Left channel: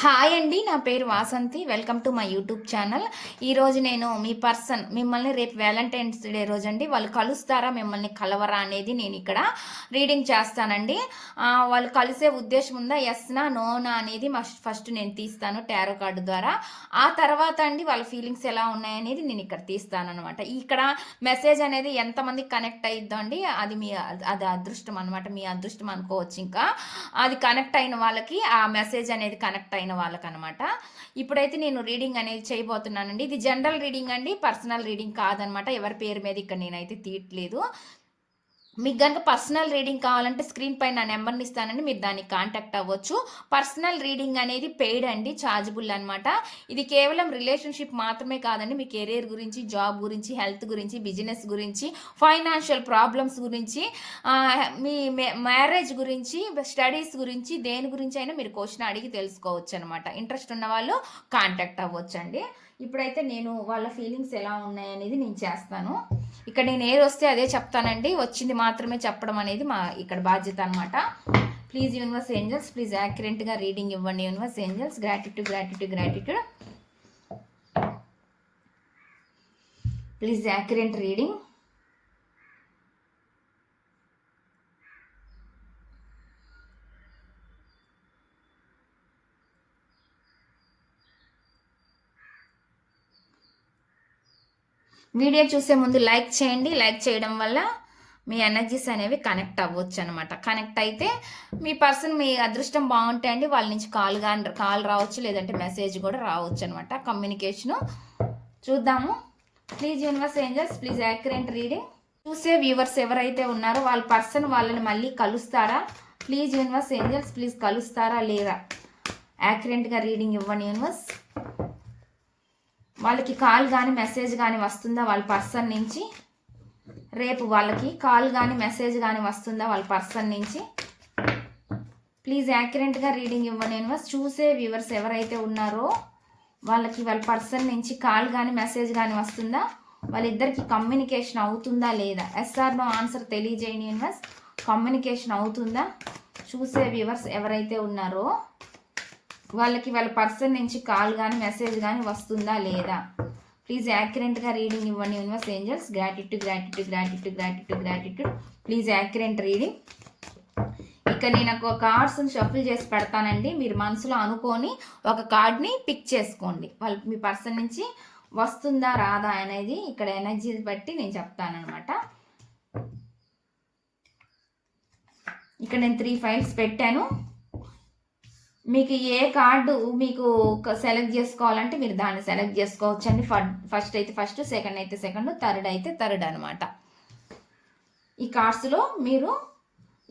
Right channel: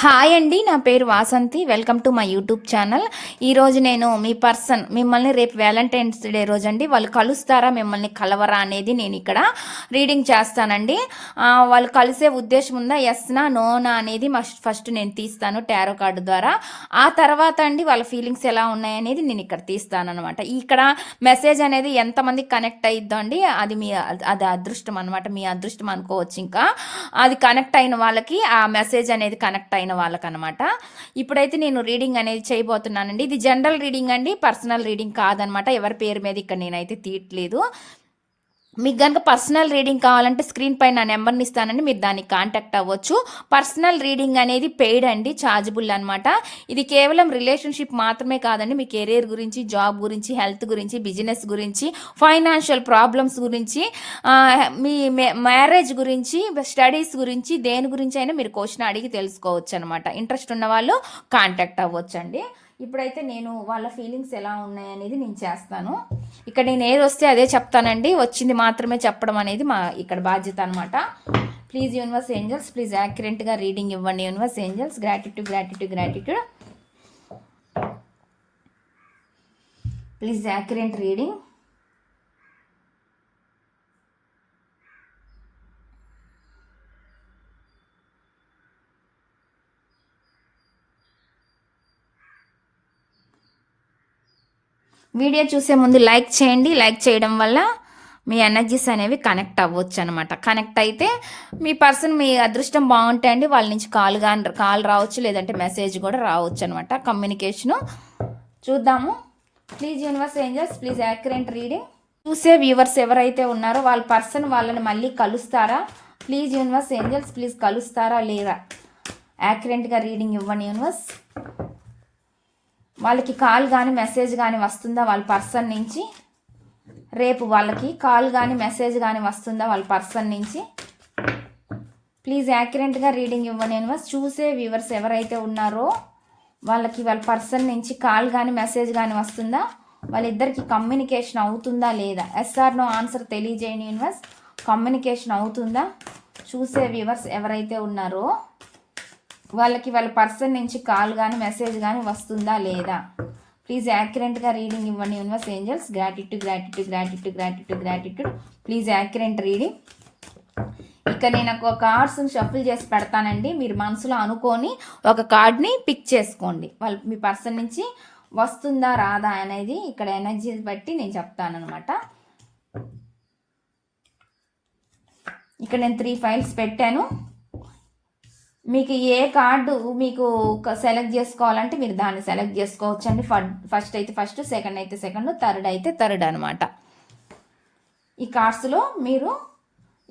Hi అండి, నా పేరు Vasanthi. Welcome to my YouTube channel. ఈరోజు నేను మీ పర్సన్ మిమ్మల్ని రేపు వ్యాలంటైన్స్ డే రోజు అండి వాళ్ళు కలుస్తారా, మిమ్మల్ని కలవరా అనేది నేను ఇక్కడ రీడింగ్ చేస్తానండి. వాళ్ళు కలిసే ఉద్దేశం ఉందా, ఎస్నా నోనా అనేది ఫస్ట్ నేను తీస్తాను టారో కార్డు ద్వారా. ఆ తర్వాత అండి వాళ్ళ ఫీలింగ్స్ ఎలా ఉన్నాయనేది నేను ఇక్కడ తీస్తాను అనమాట. ఇక్కడ మెసేజ్ అనేది ఎంతమంది కనెక్ట్ అయిద్దో అండి, అది అదృష్టం అనమాట, మీ అదృష్టం అనుకోవచ్చు. ఇంకా అది కనెక్ట్ అయిన వాళ్ళకి ఆ మెసేజ్ అనేది కనెక్ట్ అయిన వాళ్ళకనమాట. ఇప్పుడైతే నేను రీడింగ్ అనేది చేయబోతున్నానండి. ఇది జనరల్ రీడింగ్ అండి, పర్సనల్ రీడింగ్ కాదనమాట. ఎవరి పేరు మీద ఇక్కడ నేనైతే తీయట్లేదు. మీకు కనుక పర్సనల్ రీడింగ్ కావాలంటే స్క్రీన్ పైన నా నెంబర్ని ఇస్తానండి, మీరు దానికి కాంటాక్ట్ అవ్వచ్చు. పర్సనల్ రీడింగ్ అనేది పెయిడ్ అండి, ఛార్జబుల్ అనమాట. ఇది కేవలం రిలేషన్షిప్ మాత్రమే కాదండి, మీ కెరీర్ గురించి, జాబ్ గురించి, హెల్త్ గురించి, బిజినెస్ గురించి, ఫైనాన్షియల్ ప్రాబ్లమ్స్ గురించి, మీ మ్యారేజ్ గురించి, స్టడీస్ గురించి, దేని గురించి అయినా మీరు క్వశ్చన్ అడిగి తెలుసుకోవచ్చు అనమాట. ఇంట్రెస్ట్ ఉన్న వాళ్ళు కాంటాక్ట్ అవ్వచ్చు అండి. ఇప్పుడైతే నేను వాళ్ళ ఫీలింగ్స్ ఎలా ఉన్నాయనేది నేను చేస్తాను. ఇక్కడ నేను ఏది వస్తే అదే చెప్తానండి, వచ్చింది మాత్రమే చెప్పడం అనేది మా ఇక్కడ బాధ్యత అనమాట. ప్లీజ్ యూనివర్స్ ఏంజల్స్, ప్లీజ్ యాక్యురేట్గా రీడింగ్ ఇవ్వండి universe angels. Gratitude gratitude gratitude. Please accurate reading. Video చూసే ముందు లైక్ చేయండి. లైక్ చేయడం వల్ల మీ ఎనర్జీస్ అనేవి కనెక్ట్ అవ్వచ్చు అనమాట. కనెక్ట్ అయితే మీ పర్సన్, మీ అదృష్టం బాగుంటాయండి, వాళ్ళ నుంచి కాల్ రావచ్చు, లేదంటే మెసేజ్ కూడా రావచ్చు అనమాట. కమ్యూనికేషను చూద్దాము. Please universe angels, please accurate reading. చూసే వ్యూవర్స్ ఎవరైతే ఉన్నారో వాళ్ళ పర్సన్ వాళ్ళని మళ్ళీ కలుస్తారా? ప్లీజ్ యూనివర్స్ ఏంజల్స్, ప్లీజ్ కలుస్తారా లేదా? యాక్యురేట్గా రీడింగ్ ఇవ్వండి యూనివర్స్. వాళ్ళకి కాల్ కానీ మెసేజ్ కానీ వస్తుందా వాళ్ళ పర్సన్ నుంచి? రేపు వాళ్ళకి కాల్ కానీ మెసేజ్ కానీ వస్తుందా వాళ్ళ పర్సన్ నుంచి? ప్లీజ్ యాక్యురేట్గా రీడింగ్ ఇవ్వండి యూనివర్స్. చూసే వ్యూవర్స్ ఎవరైతే ఉన్నారో వాళ్ళకి వాళ్ళ పర్సన్ నుంచి కాల్ కానీ మెసేజ్ కానీ వస్తుందా? వాళ్ళిద్దరికి కమ్యూనికేషన్ అవుతుందా లేదా? ఎస్ఆర్ నో ఆన్సర్ తెలియజేయండి యూనివర్స్. కమ్యూనికేషన్ అవుతుందా? చూసే వ్యూవర్స్ ఎవరైతే ఉన్నారో వాళ్ళకి వాళ్ళ పర్సన్ నుంచి కాల్ కానీ మెసేజ్ కానీ వస్తుందా లేదా? ప్లీజ్ యాక్యురేట్గా రీడింగ్ ఇవ్వండి universe angels. Gratitude gratitude gratitude gratitude gratitude. Please accurate reading. ఇక్కడ నేను ఒక కార్డ్స్ని షఫుల్ చేసి పెడతానండి, మీరు మనసులో అనుకొని ఒక కార్డ్ని పిక్ చేసుకోండి. వాళ్ళు మీ పర్సన్ నుంచి వస్తుందా రాదా అనేది ఇక్కడ ఎనర్జీ బట్టి నేను చెప్తానమాట. ఇక్కడ నేను 3 ఫైల్స్ పెట్టాను. మీకు ఏ కార్డు మీకు సెలెక్ట్ చేసుకోవాలంటే మీరు దాన్ని సెలెక్ట్ చేసుకోవచ్చు అండి. ఫస్ట్ అయితే ఫస్ట్, సెకండ్ అయితే సెకండ్, థర్డ్ అయితే థర్డ్ అనమాట. ఈ కార్డ్స్లో మీరు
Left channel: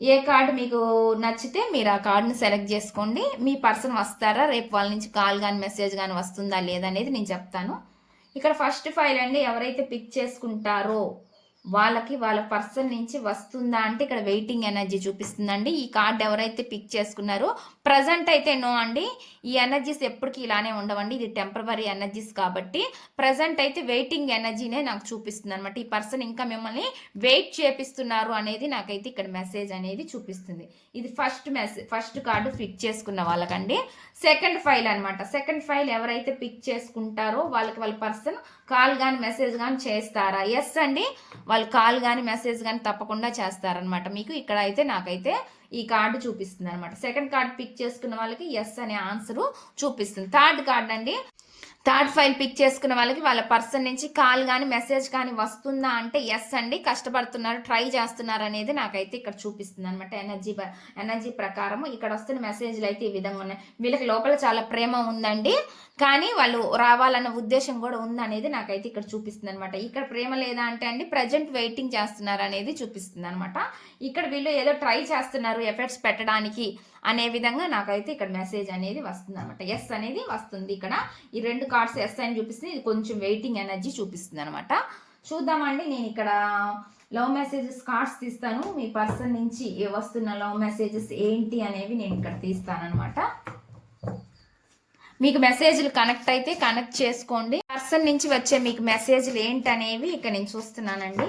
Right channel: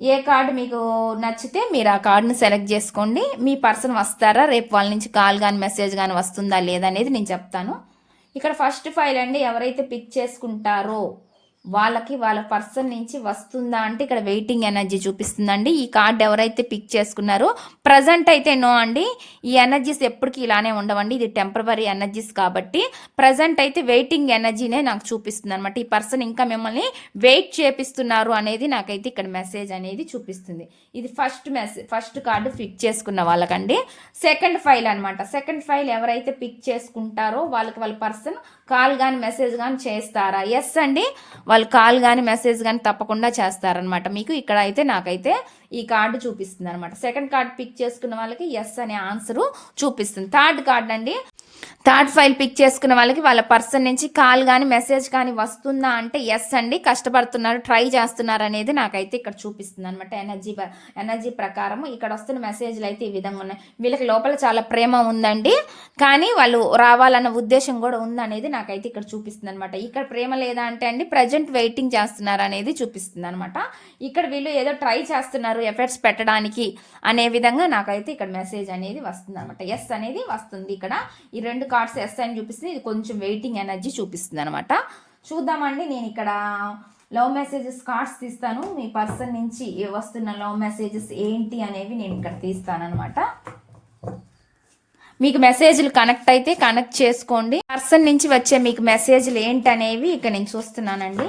ఏ కార్డు మీకు నచ్చితే మీరు ఆ కార్డుని సెలెక్ట్ చేసుకోండి. మీ పర్సన్ వస్తారా, రేపు వాళ్ళ నుంచి కాల్ కానీ మెసేజ్ కానీ వస్తుందా లేదా అనేది నేను చెప్తాను. ఇక్కడ ఫస్ట్ ఫైల్ అండి, ఎవరైతే పిక్ చేసుకుంటారో వాళ్ళకి వాళ్ళ పర్సన్ నుంచి వస్తుందా అంటే ఇక్కడ వెయిటింగ్ ఎనర్జీ చూపిస్తుందండి. ఈ కార్డ్ ఎవరైతే పిక్ చేసుకున్నారో ప్రజెంట్ అయితే నో అండి. ఈ ఎనర్జీస్ ఎప్పటికీ ఇలానే ఉండవండి, ఇది టెంపరరీ ఎనర్జీస్ కాబట్టి ప్రజెంట్ అయితే వెయిటింగ్ ఎనర్జీనే నాకు చూపిస్తుంది అనమాట. ఈ పర్సన్ ఇంకా మిమ్మల్ని వెయిట్ చేపిస్తున్నారు అనేది నాకైతే ఇక్కడ మెసేజ్ అనేది చూపిస్తుంది. ఇది ఫస్ట్ కార్డు పిక్ చేసుకున్న వాళ్ళకండి. సెకండ్ ఫైల్ అనమాట. సెకండ్ ఫైల్ ఎవరైతే పిక్ చేసుకుంటారో వాళ్ళకి వాళ్ళ పర్సన్ కాల్ కానీ మెసేజ్ కానీ చేస్తారా? ఎస్ అండి, వాళ్ళు కాల్ కానీ మెసేజ్ కానీ తప్పకుండా చేస్తారనమాట. మీకు ఇక్కడ అయితే నాకైతే ఈ కార్డు చూపిస్తుంది అనమాట. సెకండ్ కార్డు పిక్ చేసుకున్న వాళ్ళకి ఎస్ అనే ఆన్సరు చూపిస్తుంది. థర్డ్ కార్డ్ అండి, థర్డ్ ఫైల్ పిక్ చేసుకున్న వాళ్ళకి వాళ్ళ పర్సన్ నుంచి కాల్ కానీ మెసేజ్ కానీ వస్తుందా అంటే ఎస్ అండి, కష్టపడుతున్నారు, ట్రై చేస్తున్నారు అనేది నాకైతే ఇక్కడ చూపిస్తుంది అనమాట. ఎనర్జీ ప్రకారం ఇక్కడ వస్తున్న మెసేజ్లు అయితే ఈ విధంగా ఉన్నాయి. వీళ్ళకి లోపల చాలా ప్రేమ ఉందండి, కానీ వాళ్ళు రావాలన్న ఉద్దేశం కూడా ఉందనేది నాకైతే ఇక్కడ చూపిస్తుంది అనమాట. ఇక్కడ ప్రేమ లేదా అంటే అండి ప్రజెంట్ వెయిటింగ్ చేస్తున్నారు అనేది చూపిస్తుంది అనమాట. ఇక్కడ వీళ్ళు ఏదో ట్రై చేస్తున్నారు ఎఫర్ట్స్ పెట్టడానికి అనే విధంగా నాకైతే ఇక్కడ మెసేజ్ అనేది వస్తుంది అనమాట. ఎస్ అనేది వస్తుంది. ఇక్కడ ఈ 2 కార్డ్స్ ఎస్ అని చూపిస్తుంది, ఇది కొంచెం వెయిటింగ్ ఎనర్జీ చూపిస్తుంది అనమాట. చూద్దామండి, నేను ఇక్కడ లవ్ మెసేజెస్ కార్డ్స్ తీస్తాను. మీ పర్సన్ నుంచి వస్తున్న లవ్ మెసేజెస్ ఏంటి అనేవి నేను ఇక్కడ తీస్తాను అనమాట. మీకు మెసేజ్లు కనెక్ట్ అయితే కనెక్ట్ చేసుకోండి. పర్సన్ నుంచి వచ్చే మీకు మెసేజ్లు ఏంటనేవి ఇక్కడ నేను చూస్తున్నానండి.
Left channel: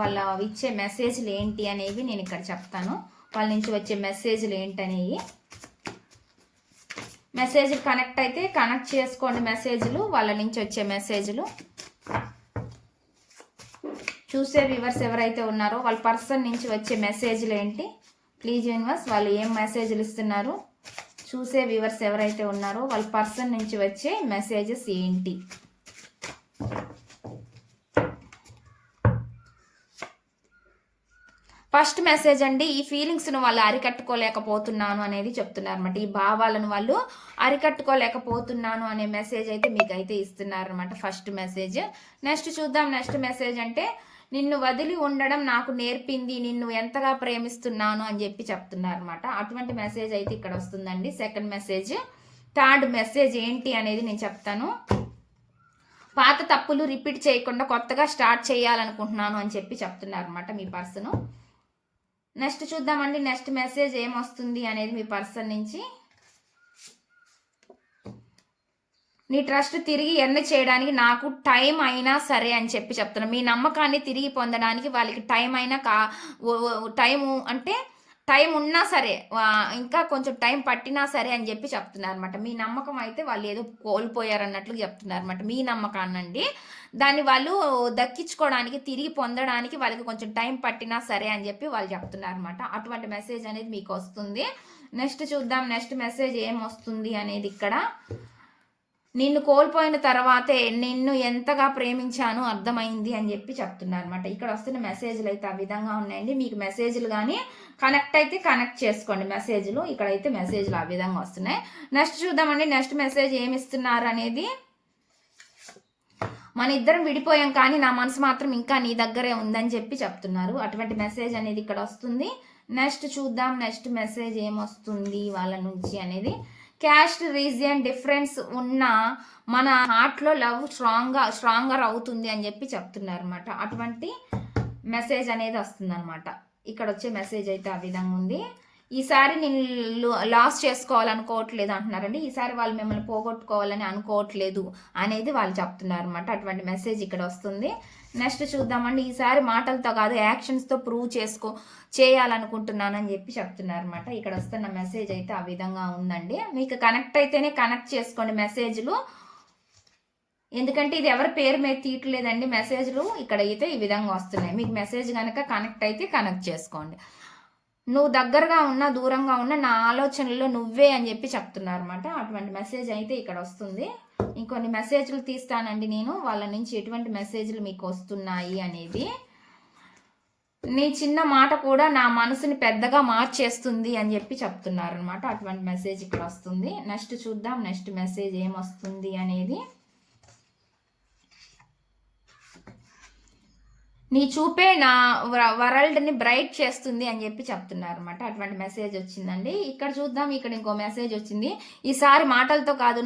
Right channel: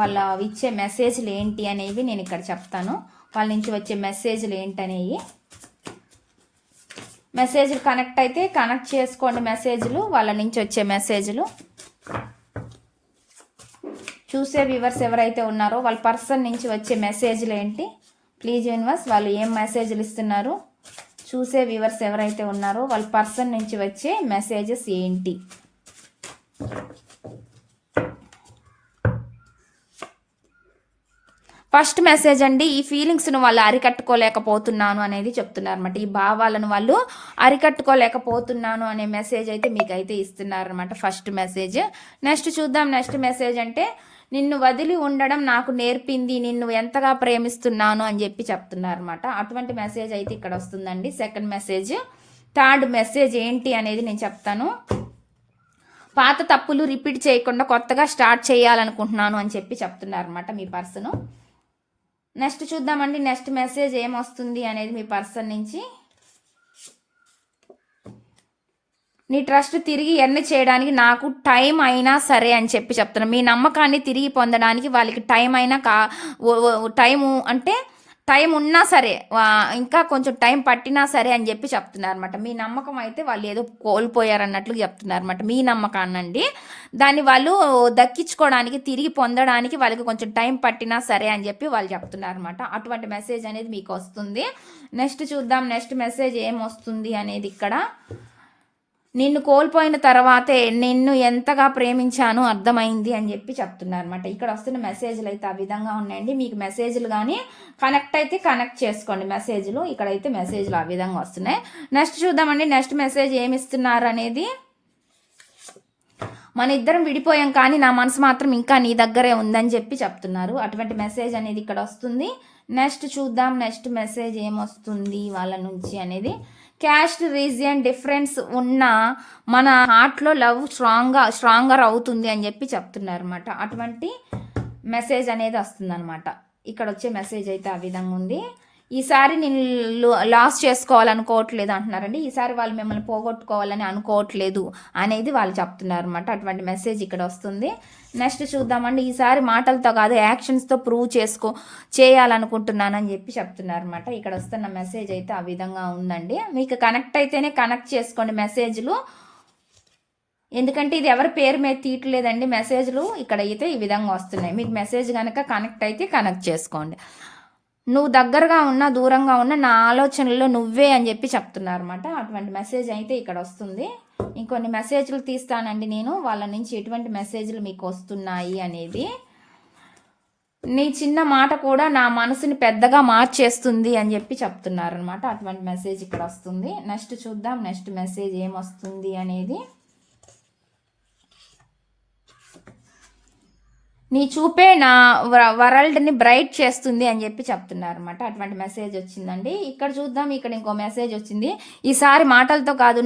వాళ్ళ ఇచ్చే మెసేజ్లు ఏంటి అనేవి నేను ఇక్కడ చెప్తాను. వాళ్ళ నుంచి వచ్చే మెసేజ్లు ఏంటనేవి మెసేజ్లు కనెక్ట్ అయితే కనెక్ట్ చేసుకోండి. మెసేజ్లు వాళ్ళ నుంచి వచ్చే మెసేజ్లు చూసే వ్యూవర్స్ ఎవరైతే ఉన్నారో వాళ్ళ పర్సన్ నుంచి వచ్చే మెసేజ్లు ఏంటి ప్లీజ్ యూనివర్స్, వాళ్ళు ఏం మెసేజ్లు ఇస్తున్నారు. చూసే వ్యూవర్స్ ఎవరైతే ఉన్నారో వాళ్ళ పర్సన్ నుంచి వచ్చే మెసేజెస్ ఏంటి. ఫస్ట్ మెసేజ్ అండి, ఈ ఫీలింగ్స్ను వాళ్ళు అరికట్టుకోలేకపోతున్నాను అనేది చెప్తున్నారు అనమాట. ఈ భావాలను వాళ్ళు అరికట్టుకోలేకపోతున్నాను అనే మెసేజ్ అయితే మీకు అయితే ఇస్తున్నారు అనమాట ఫస్ట్ మెసేజ్. నెక్స్ట్ చూద్దాం. నెక్స్ట్ మెసేజ్ అంటే నిన్ను వదిలి ఉండడం నాకు నేర్పింది, నిన్ను ఎంతగా ప్రేమిస్తున్నాను అని చెప్పి చెప్తున్నారు అనమాట. అటువంటి మెసేజ్ అయితే ఇక్కడ వస్తుందండి. Second message. థర్డ్ మెసేజ్ ఏంటి అనేది నేను చెప్తాను. పాత తప్పులు రిపీట్ చేయకుండా కొత్తగా స్టార్ట్ చేయాలనుకుంటున్నాను అని చెప్పి చెప్తున్నారు అనమాట మీ పర్సన్. నెక్స్ట్ చూద్దామండి. నెక్స్ట్ మెసేజ్ ఏమొస్తుంది అనేది మీ పర్సన్ నుంచి. నీ ట్రస్ట్ తిరిగి ఎర్న్ చేయడానికి నాకు టైం అయినా సరే అని చెప్పి చెప్తున్నాను. మీ నమ్మకాన్ని తిరిగి పొందడానికి వాళ్ళకి టైం అయినా టైము అంటే టైం ఉన్నా సరే, ఇంకా కొంచెం టైం పట్టినా సరే అని చెప్పి చెప్తున్నారు అనమాట. మీ నమ్మకం అయితే వాళ్ళు ఏదో కోల్పోయారన్నట్లు చెప్తున్నారు అనమాట. మీ నమ్మకాన్నండి దాన్ని వాళ్ళు దక్కించుకోవడానికి, తిరిగి పొందడానికి వాళ్ళకి కొంచెం టైం పట్టినా సరే అని చెప్పి వాళ్ళు చెప్తున్నారు అనమాట. అటువంటి మెసేజ్ అనేది మీకు వస్తుంది. నెక్స్ట్ చూద్దాం. నెక్స్ట్ మెసేజ్ ఏమొస్తుంది అనేది ఇక్కడ. నిన్ను కోల్పోయిన తర్వాతే నిన్ను ఎంతగా ప్రేమించాను అర్థమైంది అని చెప్పి చెప్తున్నారు అనమాట. ఇక్కడ వస్తున్న మెసేజ్లు అయితే ఆ విధంగా ఉన్నాయండి. మీకు మెసేజ్లు కానీ కనెక్ట్ అయితే కనెక్ట్ చేసుకోండి. మెసేజ్లు ఇక్కడైతే మెసేజ్లు ఆ విధంగా వస్తున్నాయి. నెక్స్ట్ చూద్దామండి. నెక్స్ట్ మెసేజ్ ఏమి ఇస్తున్నారు అనేది. మన ఇద్దరం విడిపోయాం కానీ నా మనసు మాత్రం ఇంకా నీ దగ్గరే ఉందని చెప్పి చెప్తున్నారు. అటువంటి మెసేజ్ అనేది ఇక్కడ వస్తుంది. నెక్స్ట్ చూద్దాం. నెక్స్ట్ మెసేజ్ ఏమొస్తుంది వాళ్ళ నుంచి అనేది. క్యాస్ట్ రీజియన్ డిఫరెన్స్ ఉన్న మన హార్ట్లో లవ్ స్ట్రాంగర్ అవుతుంది అని చెప్పి చెప్తున్నారు అనమాట. అటువంటి మెసేజ్ అనేది వస్తుంది అనమాట. ఇక్కడ వచ్చే మెసేజ్ అయితే ఆ విధంగా ఉంది. ఈసారి నేను లాస్ చేసుకోవాలనుకోవట్లేదు అంటున్నారండి. ఈసారి వాళ్ళు మిమ్మల్ని పోగొట్టుకోవాలని అనుకోవట్లేదు అనేది వాళ్ళు చెప్తున్నారు అనమాట. అటువంటి మెసేజ్ ఇక్కడ వస్తుంది. నెక్స్ట్ చూద్దామండి. ఈసారి మాటలతో కాదు యాక్షన్స్తో ప్రూవ్ చేయాలనుకుంటున్నానని చెప్పి చెప్తున్నారు అనమాట. ఇక్కడ వస్తున్న మెసేజ్ అయితే ఆ విధంగా ఉందండి. మీకు కనెక్ట్ అయితేనే కనెక్ట్ చేసుకోండి మెసేజ్లు, ఎందుకంటే ఇది ఎవరి పేరు మీద తీయట్లేదండి. మెసేజ్లు ఇక్కడ అయితే ఈ విధంగా వస్తున్నాయి. మీకు మెసేజ్ కనుక కనెక్ట్ అయితే కనెక్ట్ చేసుకోండి. నువ్వు దగ్గరగా ఉన్నా దూరంగా ఉన్నా నా ఆలోచనలో నువ్వే అని చెప్పి చెప్తున్నారు అనమాట. అటువంటి మెసేజ్ అయితే ఇక్కడ వస్తుంది. ఇంకొన్ని మెసేజ్లు తీస్తానండి నేను, వాళ్ళ నుంచి ఎటువంటి మెసేజ్లు మీకు వస్తున్నాయి అనేది. నీ చిన్న మాట కూడా నా మనసుని పెద్దగా మార్చేస్తుంది అని చెప్పి చెప్తున్నారు అనమాట. అటువంటి మెసేజ్ ఇక్కడ వస్తుంది. నెక్స్ట్ చూద్దాం. నెక్స్ట్ మెసేజ్ ఏమొస్తుంది అనేది. నీ చూపే నా వరల్డ్ని బ్రైట్ చేస్తుంది అని చెప్పి చెప్తున్నారు అనమాట. అటువంటి మెసేజ్ వచ్చిందండి. ఇక్కడ చూద్దాం. ఇక్కడ ఇంకో మెసేజ్ వచ్చింది. ఈసారి మాటలతో కాదు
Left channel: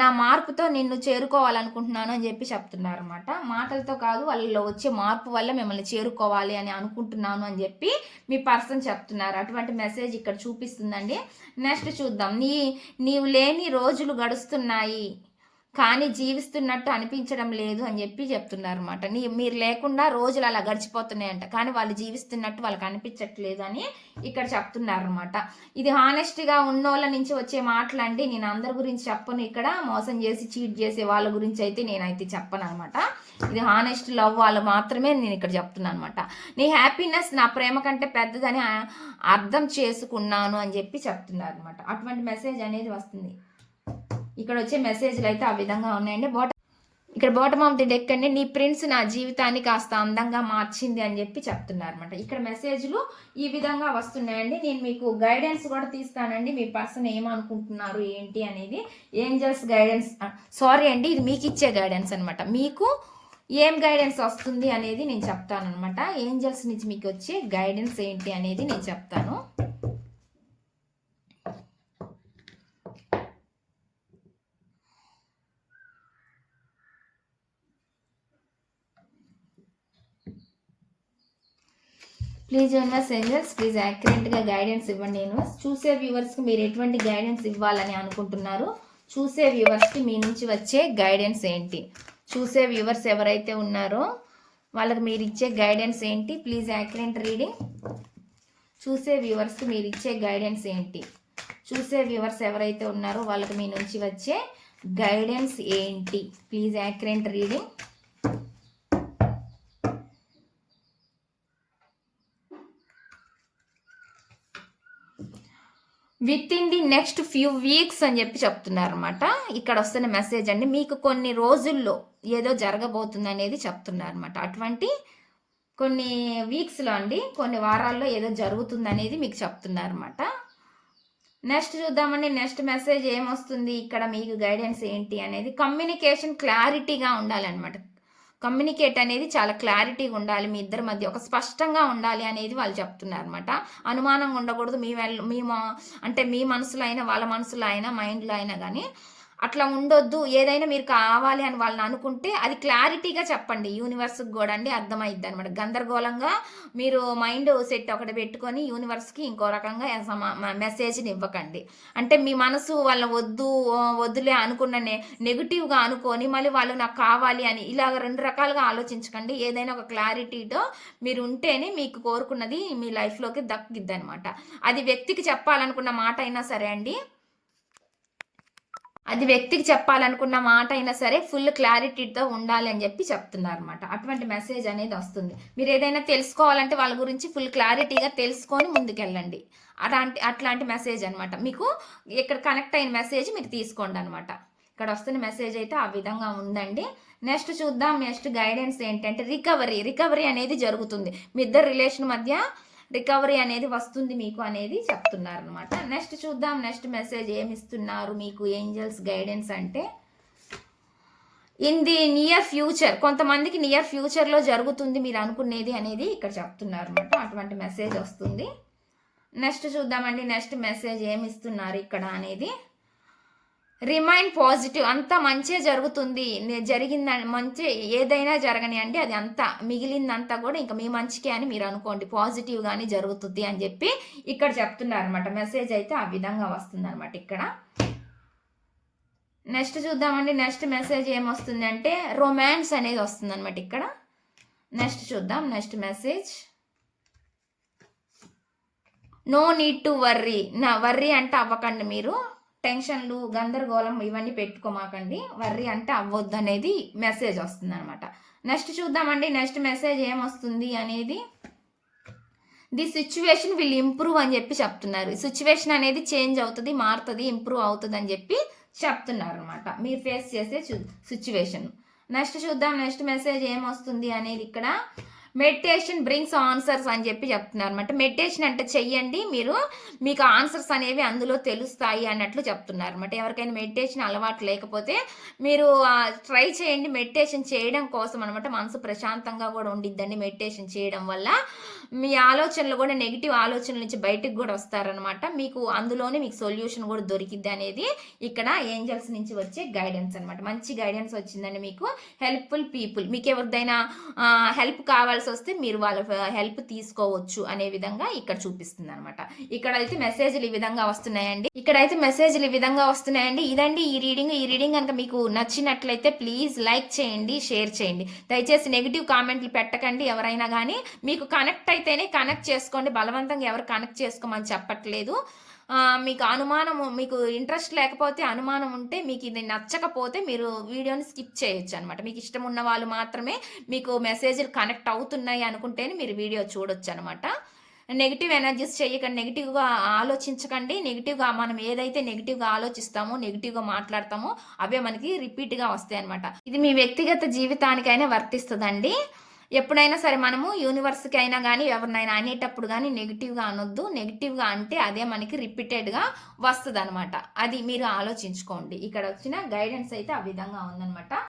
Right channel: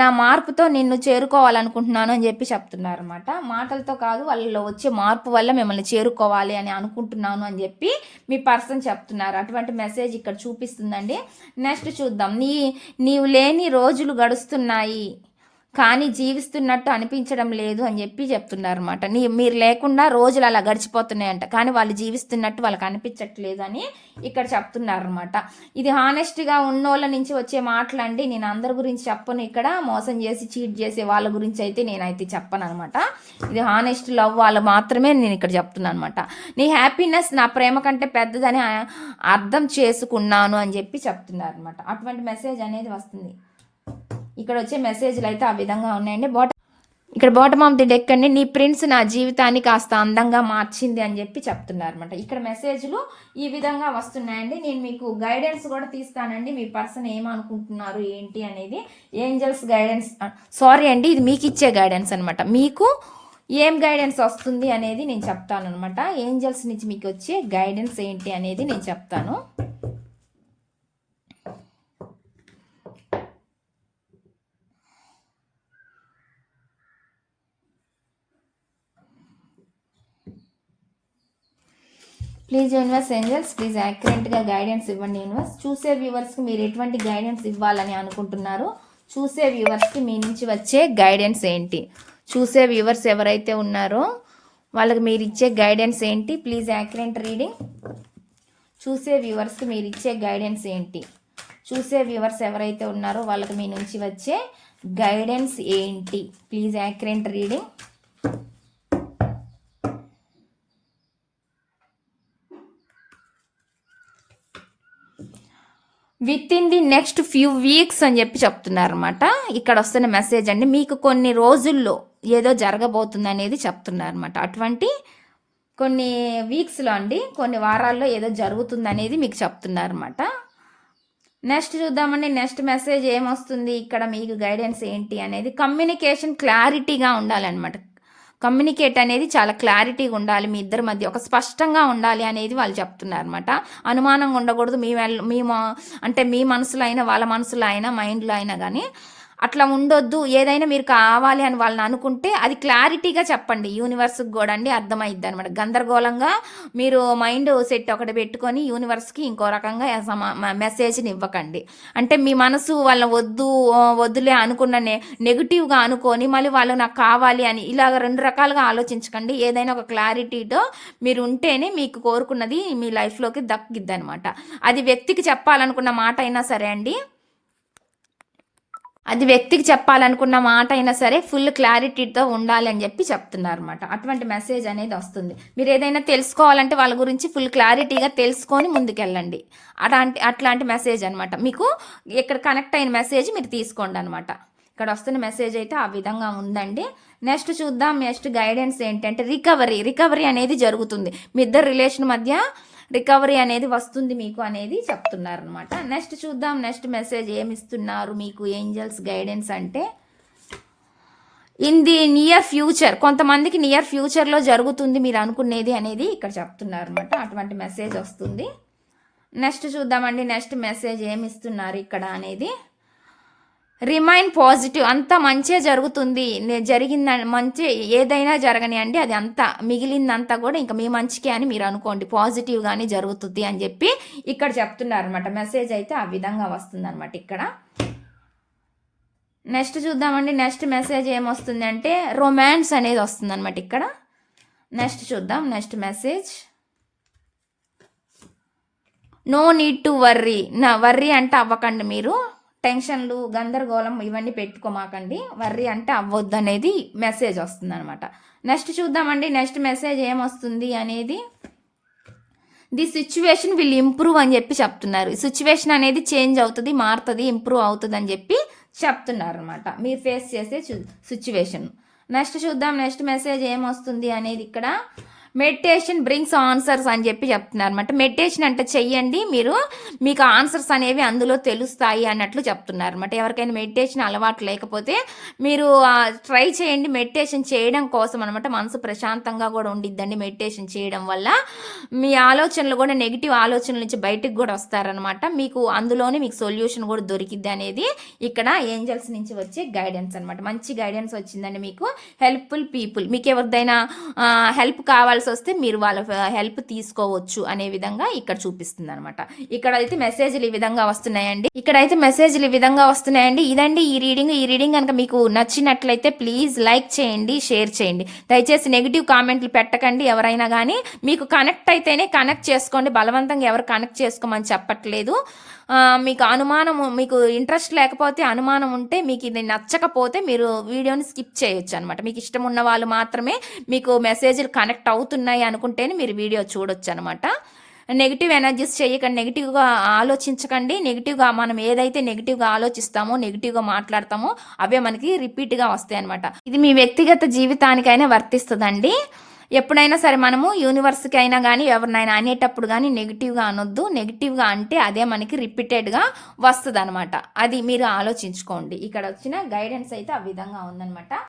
నా మార్పుతో నిన్ను చేరుకోవాలనుకుంటున్నాను అని చెప్పి చెప్తున్నారు అనమాట. మాటలతో కాదు వాళ్ళలో వచ్చే మార్పు వల్ల మిమ్మల్ని చేరుకోవాలి అని అనుకుంటున్నాను అని చెప్పి మీ పర్సన్ చెప్తున్నారు. అటువంటి మెసేజ్ ఇక్కడ చూపిస్తుందండి. నెక్స్ట్ చూద్దాం. నీవు లేని రోజులు గడుస్తున్నాయి కానీ జీవిస్తున్నట్టు అనిపించడం లేదు అని చెప్పి చెప్తున్నారు అనమాట. మీరు లేకుండా రోజులు అలా గడిచిపోతున్నాయంట, కానీ వాళ్ళు జీవిస్తున్నట్టు వాళ్ళకి అనిపించట్లేదు అని ఇక్కడ చెప్తున్నారు అనమాట. ఇది హానెస్ట్గా ఉన్నోళ్ళ నుంచి వచ్చే మాటలండి. నేను అందరి గురించి చెప్పను, ఇక్కడ మోసం చేసి చీట్ చేసే వాళ్ళ గురించి అయితే నేనైతే చెప్పను అనమాట. ఇది హానెస్ట్ లవ్ వాళ్ళు మాత్రమే నేను ఇక్కడ చెప్తున్నాను అనమాట. నీ హ్యాపీనెస్ నా ప్రేమ కంటే పెద్దదని అర్థం చేసుకున్నాను అని చెప్పి చెప్తున్నారు అనమాట. అటువంటి మెసేజ్ అనేది వస్తుంది. ఇక్కడ వచ్చే మెసేజ్లు అయితే ఆ విధంగా ఉన్నాయండి. ఇక్కడ బాటమ్ ఆఫ్ ది డెక్ అండి. నీ ప్రిన్స్ నా జీవితాన్ని కాస్త అందంగా మార్చింది అని చెప్పి చెప్తున్నారు అనమాట. ఇక్కడ మెసేజ్లు ఈ విధంగా వస్తున్నాయండి. నేను మీకు గైడెన్స్ కూడా తీస్తానండి. మీ పర్సన్ ఏమనుకుంటున్నారు ఏంటి అనేది. ఏంజల్స్ గైడెన్స్, సారీ అండి, ఇది మీకు ఇచ్చే గైడెన్స్ అనమాట. మీకు ఏం గైడెన్స్ వస్తుంది అనేది నేను చెప్తాను అనమాట. ఏంజల్స్ నుంచి మీకు వచ్చే గైడెన్స్ ఏంటి అనేది నేను చెప్తాను. ప్లీజ్ యూనివర్స్ ఏంజల్స్, ప్లీజ్ యాక్యురేట్గా గైడెన్స్ ఇవ్వండి యూనివర్స్. చూసే వ్యూవర్స్కి మీరు ఎటువంటి గైడెన్స్ ఇవ్వాలని అనుకుంటున్నారు? చూసే వ్యూవర్స్కి మీ నుంచి వచ్చే గైడెన్స్ ఏంటి? చూసే వ్యూవర్స్ ఎవరైతే ఉన్నారో వాళ్ళకి మీరు ఇచ్చే గైడెన్స్ ఏంటి? Please accurate reading. చూసే వ్యూవర్స్కి మీరు ఇచ్చే గైడెన్స్ ఏంటి? చూసే వ్యూవర్స్ ఎవరైతే ఉన్నారో వాళ్ళకి మీ నుంచి వచ్చే గైడెన్స్ ఏంటి? Please accurate reading. With in the next few weeks అని చెప్పి చెప్తున్నారన్నమాట. ఇక్కడ వస్తున్న మెసేజ్ అండి, మీకు కొన్ని రోజుల్లో ఏదో జరగబోతుంది అనేది చెప్తున్నారన్నమాట. అటువంటి కొన్ని వీక్స్లో అండి, కొన్ని వారాల్లో ఏదో జరుగుతుంది అనేది మీకు చెప్తున్నారన్నమాట. నెక్స్ట్ చూద్దామండి, నెక్స్ట్ మెసేజ్ ఏమొస్తుంది ఇక్కడ, మీకు గైడెన్స్ ఏంటి అనేది. కమ్యూనికేషన్ క్లారిటీగా ఉండాలన్నమాట. కమ్యూనికేట్ అనేది చాలా క్లారిటీగా ఉండాలి, మీ ఇద్దరి మధ్య ఒక స్పష్టంగా ఉండాలి అనేది వాళ్ళు చెప్తున్నారు అనమాట. అనుమానంగా ఉండకూడదు, మీ అంటే మీ మనసులో అయినా వాళ్ళ మనసులో అయినా మైండ్లో అయినా కానీ అట్లా ఉండొద్దు. ఏదైనా మీరు కావాలి అని వాళ్ళని అనుకుంటే అది క్లారిటీగా చెప్పండి, యూనివర్స్కి కూడా అండి అర్థమైద్ది అనమాట. గందరగోళంగా మీరు మైండ్ సెట్ ఒకటి పెట్టుకొని యూనివర్స్కి ఇంకో రకంగా మెసేజ్ని ఇవ్వకండి. అంటే మీ మనసు వాళ్ళ వద్దులే అనుకున్న నెగిటివ్గా అనుకొని మళ్ళీ వాళ్ళు నాకు కావాలి అని ఇలాగ 2 రకాలుగా ఆలోచించకండి. ఏదైనా ఒక క్లారిటీతో మీరు ఉంటేనే మీకు కోరుకున్నది మీ లైఫ్లోకి దక్కిద్ది అనమాట. అది వ్యక్తికి చెప్పాలనుకున్న మాట అయినా సరే అండి, అది వ్యక్తికి చెప్పాలనుకున్న మాట అయినా సరే ఫుల్ క్లారిటీతో ఉండాలి అని చెప్పి చెప్తున్నారు అనమాట. అటువంటి మెసేజ్ అనేది వస్తుంది. మీరు ఏదైనా తెలుసుకోవాలంటే వాళ్ళ గురించి ఫుల్ క్లారిటీగా తెలుసుకొని ముందుకెళ్ళండి. అట్లాంటి మెసేజ్ అనమాట. మీకు ఇక్కడ కనెక్ట్ అయిన మెసేజ్ మీరు తీసుకోండి అనమాట. ఇక్కడ వస్తున్న మెసేజ్ అయితే ఆ విధంగా ఉందండి. నెక్స్ట్ చూద్దాం, నెక్స్ట్ గైడెన్స్ ఏంటంటే రికవరీ అనేది జరుగుతుంది. మీ ఇద్దరు రిలేషన్ మధ్య రికవరీ అనేది వస్తుంది మీకు అనేది చెప్తున్నారు అనమాట. నెక్స్ట్ చూద్దాం, నెక్స్ట్ మెసేజ్ ఏమిస్తున్నారు మీకు ఏంజల్స్ గైడెన్స్ అంటే, ఇన్ ది నియర్ ఫ్యూచర్, కొంతమందికి నియర్ ఫ్యూచర్లో జరుగుతుంది మీరు అనుకునేది అనేది ఇక్కడ చెప్తున్నారు అనమాట. అటువంటి మెసేజ్ వస్తుంది. నెక్స్ట్ చూద్దామండి, నెక్స్ట్ మెసేజ్ ఏమిస్తున్నారు ఇక్కడ అనేది. రిమైన్ పాజిటివ్, అంతా మంచే జరుగుతుంది, జరిగిందని మంచి ఏదైనా జరగని అండి, అది అంతా మిగిలిందంతా కూడా ఇంకా మీ మంచికే అని మీరు అనుకోండి, పాజిటివ్గానే జరుగుతుంది అని చెప్పి ఇక్కడ చెప్తున్నారు అనమాట. మెసేజ్ అయితే ఆ విధంగా వస్తుంది అనమాట ఇక్కడ. నెక్స్ట్ చూద్దామండి, నెక్స్ట్ మెసేజ్ ఏమొస్తుంది అంటే రొమాన్స్ అనేది వస్తుంది అనమాట ఇక్కడ. నెక్స్ట్ చూద్దాం, next message no need to worry అంటే అవ్వకండి, మీరు టెన్షన్లు గందరగోళం ఇవన్నీ పెట్టుకోమాకండి, వర్రీ అంటే అవ్వద్దు అనేది మెసేజ్ వస్తుంది అనమాట. నెక్స్ట్ చూద్దామండి, నెక్స్ట్ మెసేజ్ ఏమొస్తుంది అనేది. ది సిచ్యువేషన్ విల్ ఇంప్రూవ్ అని చెప్పి చెప్తున్నారు. సిచ్యువేషన్ అనేది చేంజ్ అవుతుంది, మారుతుంది, ఇంప్రూవ్ అవుతుంది అని చెప్పి చెప్తున్నారు అనమాట, మీరు ఫేస్ చేసే సిచ్యువేషన్. నెక్స్ట్ చూద్దాం, నెక్స్ట్ మెసేజ్ ఏమొస్తుంది అనేది ఇక్కడ. మెడిటేషన్ బ్రింగ్స్ ఆన్సర్స్ అని చెప్పి చెప్తున్నారు అనమాట. మెడిటేషన్ అంటే చెయ్యండి, మీకు ఆన్సర్స్ అనేవి అందులో తెలుస్తాయి అన్నట్లు చెప్తున్నారు అనమాట. ఎవరికైనా మెడిటేషన్ అలవాటు లేకపోతే మీరు ట్రై చేయండి, మెడిటేషన్ చేయడం కోసం అనమాట. మనసు ప్రశాంతంగా కూడా ఉండిద్దండి మెడిటేషన్ చేయడం వల్ల. మీ ఆలోచనలు కూడా నెగిటివ్ ఆలోచనల నుంచి బయటకు కూడా వస్తారనమాట. మీకు అందులోనే మీకు సొల్యూషన్ కూడా దొరికిద్ది అనేది ఇక్కడ ఏంజల్స్ నుంచి వచ్చే గైడెన్స్ అనమాట. మంచి గైడెన్స్ వచ్చిందండి మీకు. హెల్ప్ఫుల్ పీపుల్, మీకు ఎవరిదైనా హెల్ప్ కావాల్సి వస్తే మీరు వాళ్ళ హెల్ప్ తీసుకోవచ్చు అనే విధంగా ఇక్కడ చూపిస్తుంది అనమాట. ఇక్కడైతే మెసేజ్లు ఈ విధంగా వస్తున్నాయండి. ఇదండి ఈ రీడింగ్ కనుక మీకు నచ్చినట్లయితే ప్లీజ్ లైక్ చేయండి, షేర్ చేయండి. దయచేసి నెగిటివ్ కామెంట్లు పెట్టకండి. ఎవరైనా కానీ మీకు కనెక్ట్ అయితేనే కనెక్ట్ చేసుకోండి, బలవంతంగా ఎవరు కనెక్ట్ చేసుకోమని చెప్పట్లేదు. మీకు అనుమానం, మీకు ఇంట్రెస్ట్ లేకపోతే, అనుమానం ఉంటే, మీకు ఇది నచ్చకపోతే మీరు వీడియోని స్కిప్ చేయొచ్చు అనమాట. మీకు ఇష్టం ఉన్న వాళ్ళు మాత్రమే మీకు మెసేజ్లు కనెక్ట్ అవుతున్నాయి అనుకుంటేనే మీరు వీడియో చూడొచ్చు అనమాట. నెగిటివ్ ఎనర్జీస్ చేయకండి, నెగిటివ్గా ఆలోచించకండి. నెగిటివ్గా మనం ఏదైతే నెగిటివ్గా ఆలోచిస్తామో, నెగిటివ్గా మాట్లాడతామో అవే మనకి రిపీట్గా వస్తాయి అనమాట. ఇది మీ వ్యక్తిగత జీవితానికైనా వర్తిస్తుందండి. ఎప్పుడైనా సరే మనము యూనివర్స్కి అయినా కానీ ఎవరినైనా అనేటప్పుడు కానీ నెగిటివ్గా అనొద్దు. నెగిటివ్గా అంటే అదే మనకి రిపీటెడ్గా వస్తుంది అనమాట. అది మీరు ఆలోచించుకోండి. ఇక్కడ వచ్చిన గైడెన్స్ అయితే ఆ విధంగా ఉందన్నమాట.